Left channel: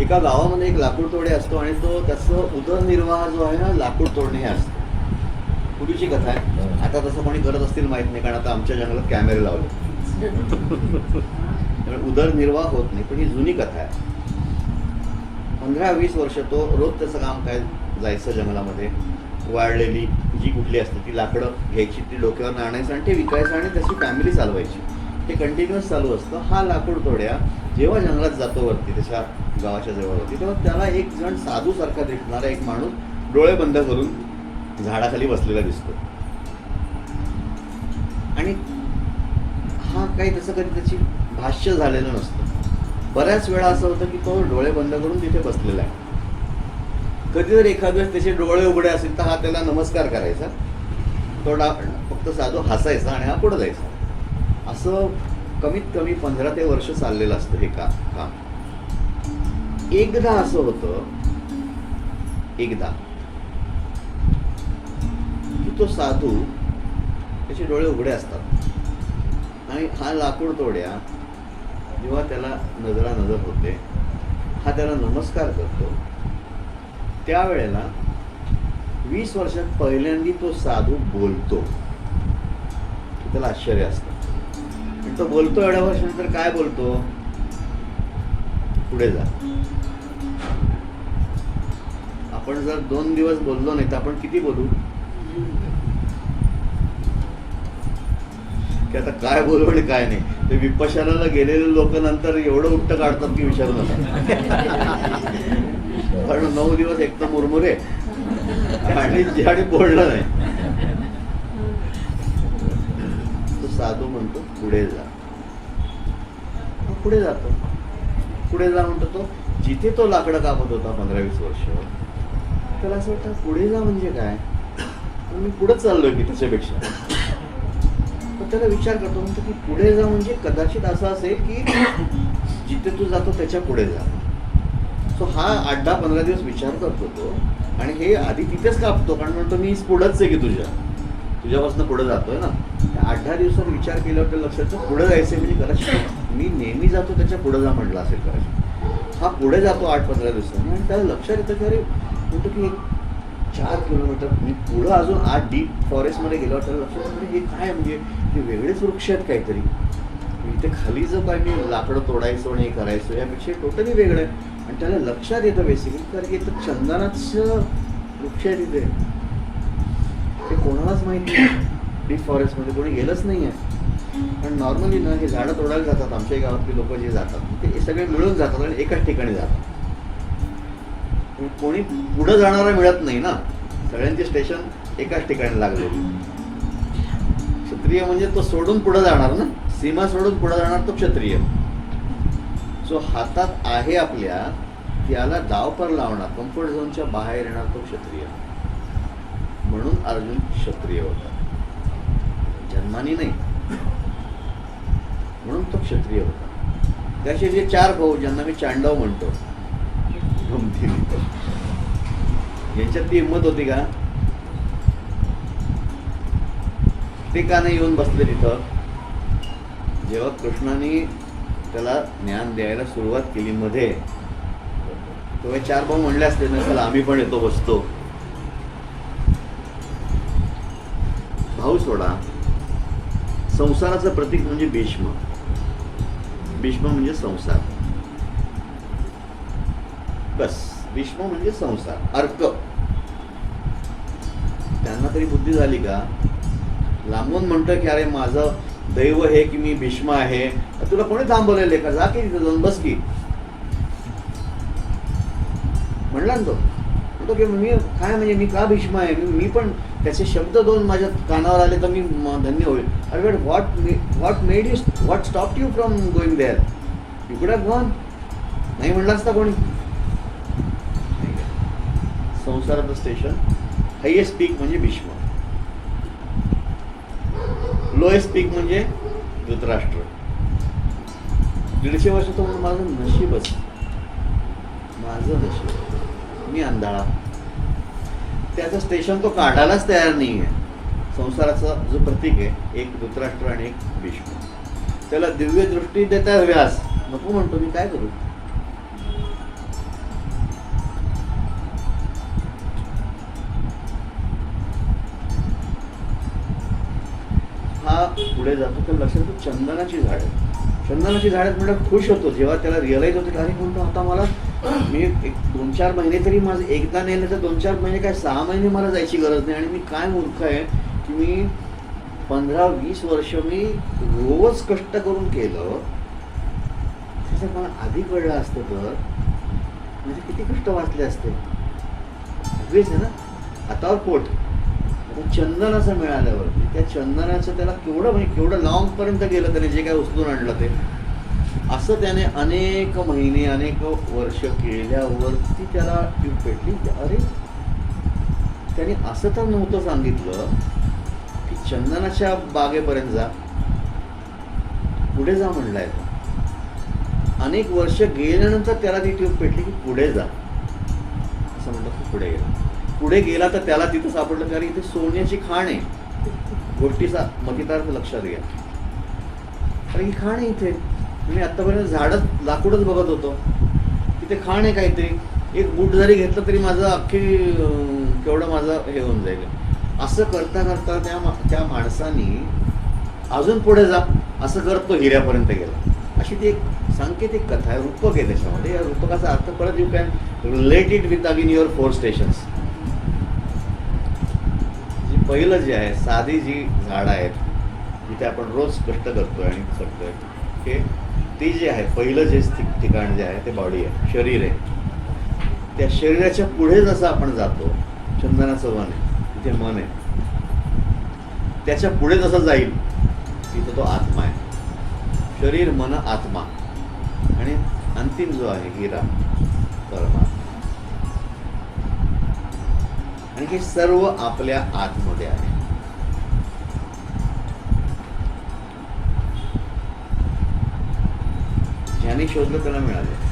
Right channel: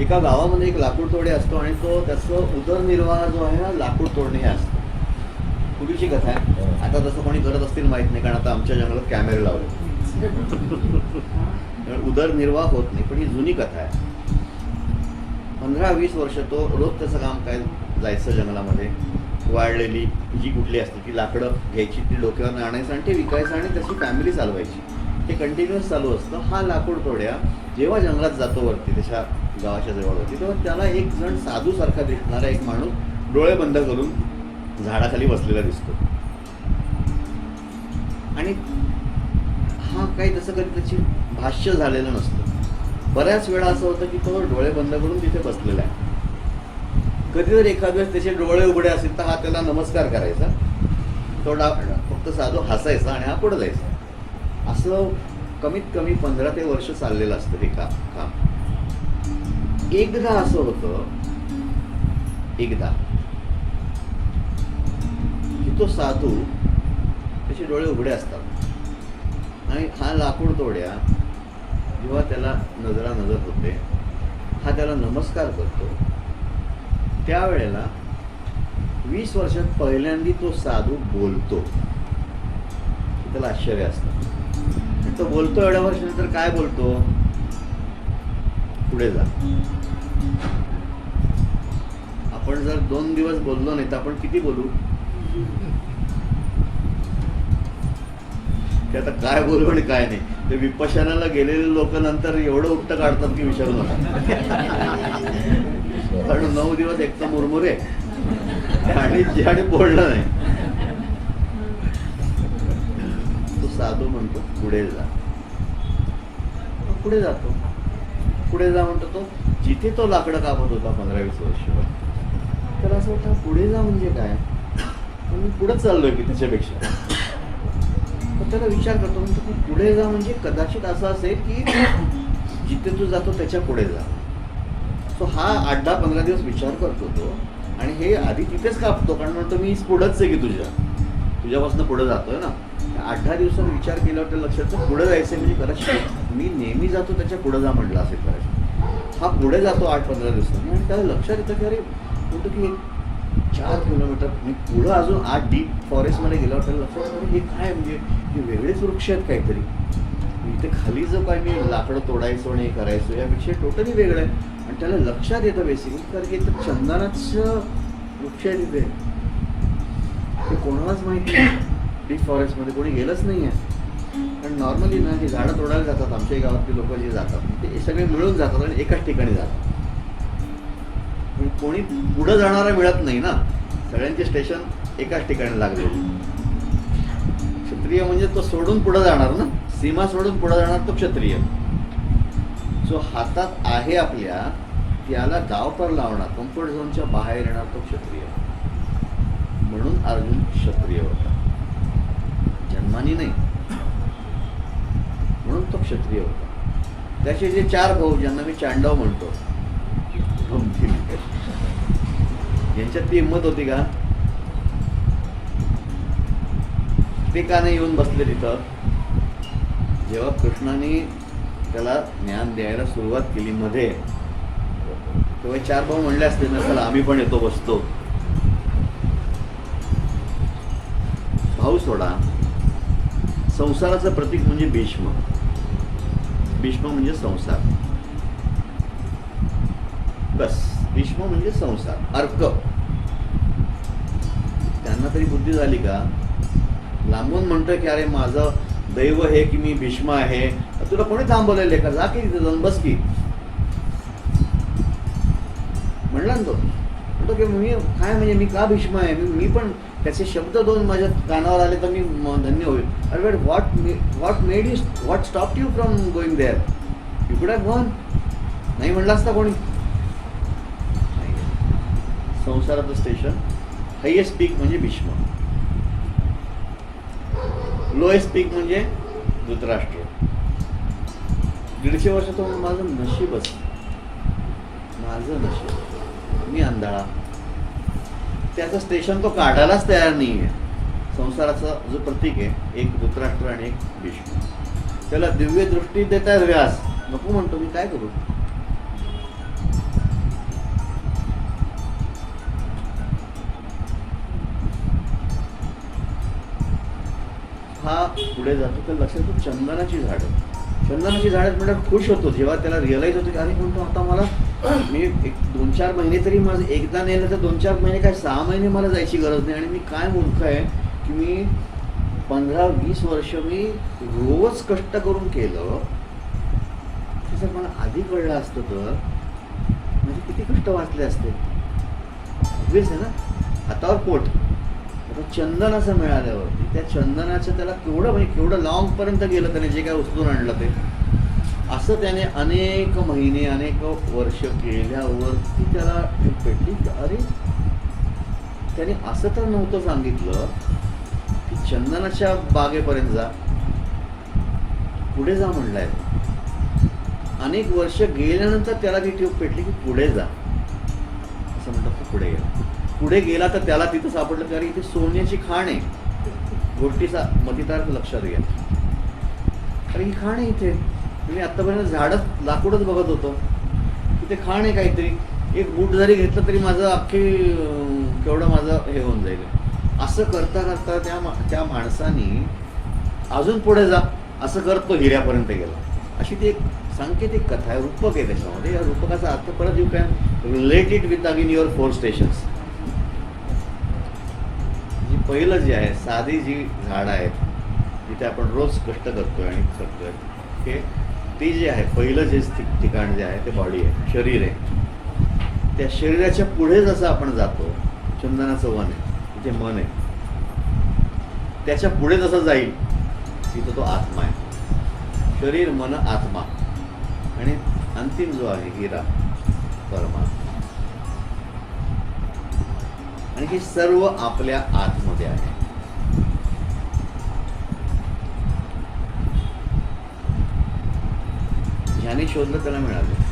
एका गावामध्ये एक लाकूड तोडे असतो आणि तो त्याचं उदरनिर्वाह जो आहे हा लाकूड तोडणे हे असतं. पूर्वीची कथा आहे. हं. आता तसं कोणी करत असतील माहीत नाही कारण आता आमच्या जंगलात कॅमेरे लावले. त्यामुळे उदरनिर्वाह होत नाही पण ही जुनी कथा आहे. पंधरा वीस वर्ष तो रोज त्याचं काम काय जायचं जंगलामध्ये? वाळलेली जी कुठली असते ती लाकडं घ्यायची ती डोक्यावर आणायचं आणि ते विकायचं आणि त्याची फॅमिली चालवायची. ते कंटिन्युअस चालू असतं. हा लाकूड तोड्या जेव्हा जंगलात जातो वरती त्याच्या गावाच्या जवळवरती तेव्हा त्याला एक जण साधूसारखा दिसणारा एक माणूस डोळे बंद करून झाडाखाली बसलेला दिसतो. आणि हा काही तसं कधी त्याची भाष्य झालेलं नसतं. बऱ्याच वेळा असं होतं की तो डोळे बंद करून तिथे बसलेला आहे. कधीतरी एखाद वेळेस त्याचे डोळे उघडे असतील तर हा त्याला नमस्कार करायचा. तो डा फक्त साधू हसायचा आणि हा पुढे जायचा. असं कमीत कमी पंधरा ते वर्ष चाललेलं असतं हे का काम. एकदा असं होतं एकदा की तो साधू त्याचे डोळे उघडे असतात. आणि हा लाकूड तोड्या जेव्हा त्याला नजरा नजर होते हा त्याला नमस्कार करतो. त्यावेळेला वीस वर्षात पहिल्यांदी तो साधू बोलतो. त्याला आश्चर्य असतं. तो बोलतो एवढ्या वर्षानंतर काय बोलतो? पुढे जा. आपण जर दोन दिवस बोललो नाही तर आपण किती बोलू? की आता काय बोलू आणि काय नाही. ते विपशाला गेलेले लोक नंतर एवढं उट्ट काढतात की विचारू नका. कारण नऊ दिवस एक तर मुरमुरे. आणि जे आणि बोललं नाही तो साधू म्हणतो पुढे जा. पुढे जातो. पुढे जा म्हणतो तो. जिथे तो लाकडं कापत होता पंधरा वीस वर्ष त्याला असं वाटतं पुढे जा म्हणजे काय? मी पुढे चाललोय की त्याच्यापेक्षा. पण त्याला विचार करतो म्हणतो की पुढे जा म्हणजे कदाचित असं असेल की जिथे तू जातो त्याच्या पुढे जा. तो हा आठ दहा पंधरा दिवस विचार करतो तो आणि हे आधी तिथेच कापतो कारण म्हणतो मी पुढंच आहे की तुझ्या. तुझ्यापासून पुढे जातोय ना. आठ दहा दिवसात विचार केल्यावर त्या लक्षात पुढे जायचं म्हणजे कदाचित मी नेहमी जातो त्याच्या पुढे जा म्हटलं असेल कदाचित. हा पुढे जातो आठ पंधरा दिवसांनी आणि त्याला लक्षात येतं की अरे म्हणतो की चार किलोमीटर मी पुढं अजून आठ डीप फॉरेस्टमध्ये गेल्यावर त्याला लक्षात येतं हे काय म्हणजे हे वेगळेच वृक्ष आहेत काहीतरी. इथे खाली जो काय मी लाकडं तोडायचो आणि हे करायचो यापेक्षा टोटली वेगळं आहे. आणि त्याला लक्षात येतं बेसिकली कारण की इथं चंदनाचं वृक्ष आहे तिथे. ते कोणालाच माहिती नाही. डीप फॉरेस्टमध्ये कोणी गेलंच नाही आहे कारण नॉर्मली ना हे झाडं तोडायला जातात. आमच्या गावातली लोक जे जातात ते सगळे मिळून जातात आणि एकाच ठिकाणी जातात. कोणी पुढं जाणारा मिळत नाही ना. सगळ्यांचे स्टेशन एकाच ठिकाणी लागलेले. क्षत्रिय म्हणजे तो सोडून पुढे जाणार ना. सीमा सोडून पुढे जाणार तो क्षत्रिय. जो हातात आहे आपल्या त्याला डावपर लावणार कम्फर्ट झोनच्या बाहेर येणार तो क्षत्रिय. म्हणून अर्जुन क्षत्रिय होता. जन्मानी नाही. म्हणून तो क्षत्रिय होता. त्याचे जे चार भाऊ ज्यांना मी चांडव म्हणतो गमतीने. यांच्यात ती हिंमत होती का? ते का नाही येऊन बसले तिथं. जेव्हा कृष्णाने त्याला ज्ञान द्यायला सुरुवात केली मध्ये तेव्हा चार भाऊ म्हणले असते ना चला आम्ही पण येतो बसतो. भाऊ सोडा संसाराचं प्रतीक म्हणजे भीष्म. भीष्म म्हणजे संसार. बस भीष्म म्हणजे संसार अर्क. त्यांना तरी बुद्धी झाली का? लांबून म्हणतं की अरे माझं दैव हे की मी भीष्म आहे. तुला कोणी थांबवलेलं का? जा की तिथं जाऊन बस की. म्हणला ना तो. म्हणतो की मी काय म्हणजे मी का भीष्म आहे? मी मी पण त्याचे शब्द दोन माझ्या कानावर आले तर मी म- धन्य होईल. अरे wait what what made you what stop you from going there you could have gone नाही म्हणला असता कोणी. संसाराचं स्टेशन हायेस्ट पीक म्हणजे भीष्म. लोएस्ट पीक म्हणजे धृतराष्ट्र. दीडशे वर्ष तो माझं नशीबच. माझं नशीब. मी अंधाळा त्याचं स्टेशन तो काढायलाच तयार नाही आहे संसाराचा जो प्रतीक आहे एक धृतराष्ट्र आणि एक भीष्म. त्याला दिव्य दृष्टी देता व्यास. नको म्हणतो मी काय करू? हा पुढे जातो तर लक्षात चंदनाची झाड चंदनाची झाड म्हणजे खुश होतो. जेव्हा त्याला रिअलाइज होतो की अरे म्हणतो आता मला? मी एक दोन चार महिने तरी माझं एकदा नेलं तर दोन चार महिने काय सहा महिने मला जायची गरज नाही. आणि मी काय मूर्ख आहे की मी पंधरा वीस वर्ष मी रोज कष्ट करून केलं. त्याचं मला आधी कळलं असतं तर म्हणजे किती कष्ट वाचले असते. आहे ना? हातावर पोट. आता चंदनाचं मिळाल्यावर त्या चंदनाचं त्याला केवढं म्हणजे केवढं लॉंग पर्यंत गेलं त्याने जे काय उचलून आणलं ते. असं त्याने अनेक महिने अनेक वर्ष केल्यावरती त्याला ट्यूब पेटली. अरे त्याने असं तर नव्हतं सांगितलं की चंदनाच्या बागेपर्यंत जा. पुढे जा म्हणलाय अनेक वर्ष गेल्यानंतर त्याला ती ट्यूब पेटली की पुढे जा. असं म्हणतात तो पुढे गेला. पुढे गेला तर त्याला तिथं सापडलं की इथे सोन्याची खाण आहे. गोष्टीचा मतितार्थ लक्षात घ्या. कारण ही खाण आहे इथे. मी आतापर्यंत झाडच लाकूडच बघत होतो. तिथे खाण आहे काहीतरी. एक बूट जरी घेतलं तरी माझं अख्खी केवढं माझं हे होऊन जाईल. असं करता करता त्या मा- त्या माणसानी अजून पुढे जा असं करत तो हिऱ्यापर्यंत गेला. अशी ती एक सांकेतिक कथा आहे रूपक आहे त्याच्यामध्ये. या रूपकाचा अर्थ परत you can relate it with again your four stations जी पहिलं जे आहे साधी जी झाडं आहेत जिथे आपण रोज कष्ट करतोय आणि करतोय ते ती जी आहे पहिलं जे ठिकाण जे आहे ते बॉडी आहे शरीर आहे. त्या शरीराच्या पुढे जसं आपण जातो चंदनाचं वन आहे तिथे मन आहे. त्याच्या पुढे जसं जाईल तिथं तो आत्मा आहे. शरीर मन आत्मा. आणि अंतिम जो आहे हिरा परमात्मा. आणि हे सर्व आपल्या आतमध्ये आहे. ज्याने शोधलं त्याला मिळालं.